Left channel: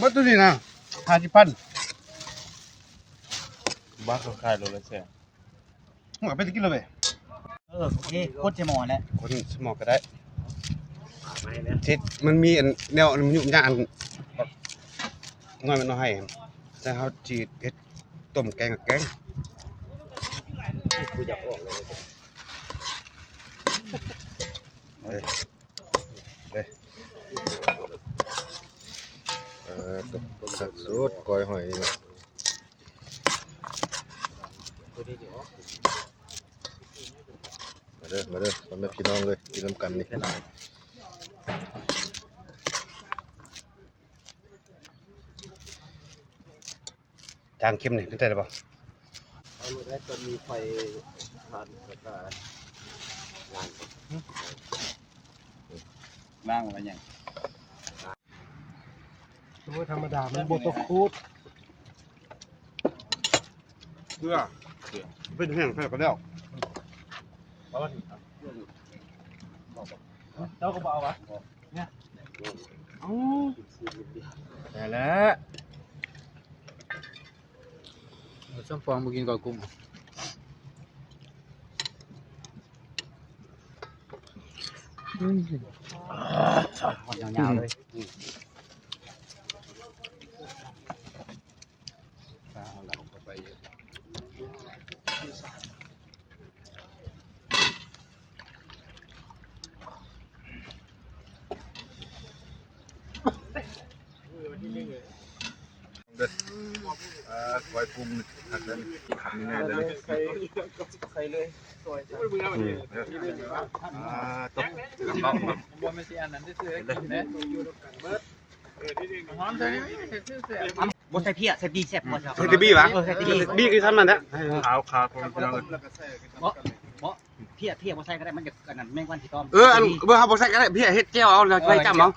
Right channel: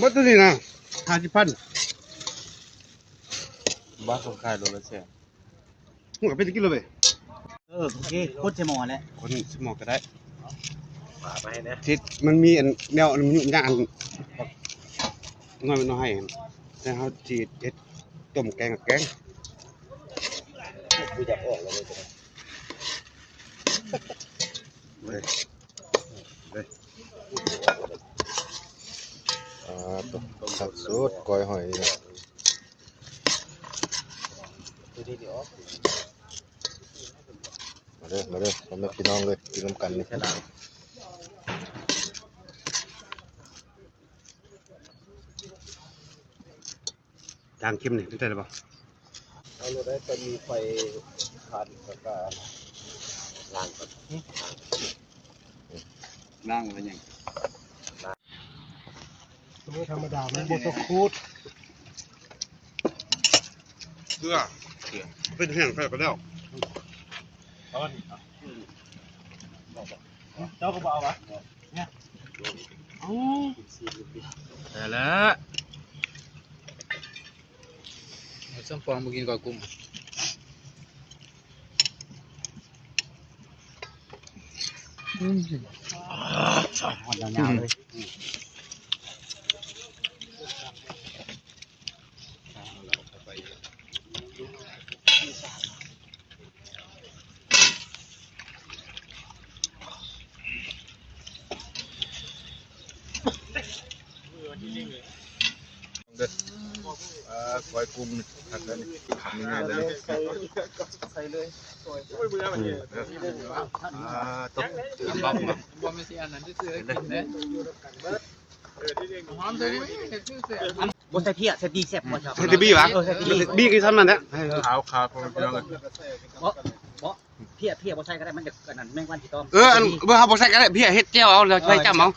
มัดตัวนี้นะ50,000บ้านคนขายโลละแสน หัวไปตะกินเลย โอเคโคตรจะหมอแล้ว คนสมองก็ได้ ฝากมาให้นะ ทิศมันมีอันแนวมันยุ่งยากอันน้อยมันน้อยให้แต่เขาจีดเฮ็ดต้มแกงกับแกง กูอยากออกเลย ตัวสักสุดก้อยหอย ตัวนี้นี่ออก มาเด้อพ่อแม่พี่น้องเลยกินน้ำกันนี่ จางเข้มนี่เข้าใจหรือเปล่า เอาเลยได้ตอนมีไฟผ่านแล้วก็ล้างก่อนล้างไว้ยัง ธรรมดามันบดตะคูด เกลือเป็นแห้งไปแล้ว เจ้าก็บอกวะ แต่ละส้มฟองมากินกับกุ้ง หอดยาวๆเลย ก้อยกุ้งผักนั้นทำง่ายๆเลย ใส่เลยตก บ่ไม่ใช่อันนั้นซื้อกินนะหอมใส่ดิซื้อเสีย บดใส่เพี้ยใส่ปีแซ่บหมดครับ ใส่ที่บี้วะบี้คือทำนั่นแหละ ขาวพ่อแม่พี่น้องเลย เพี้ยบดใส่ก็ได้มันจะกระนั้นแมงวันที่ต้อม อันเบอร์เขาบอกใส่กันได้พี่เฮ็ดเจียวเอาเลยไว้จำเอา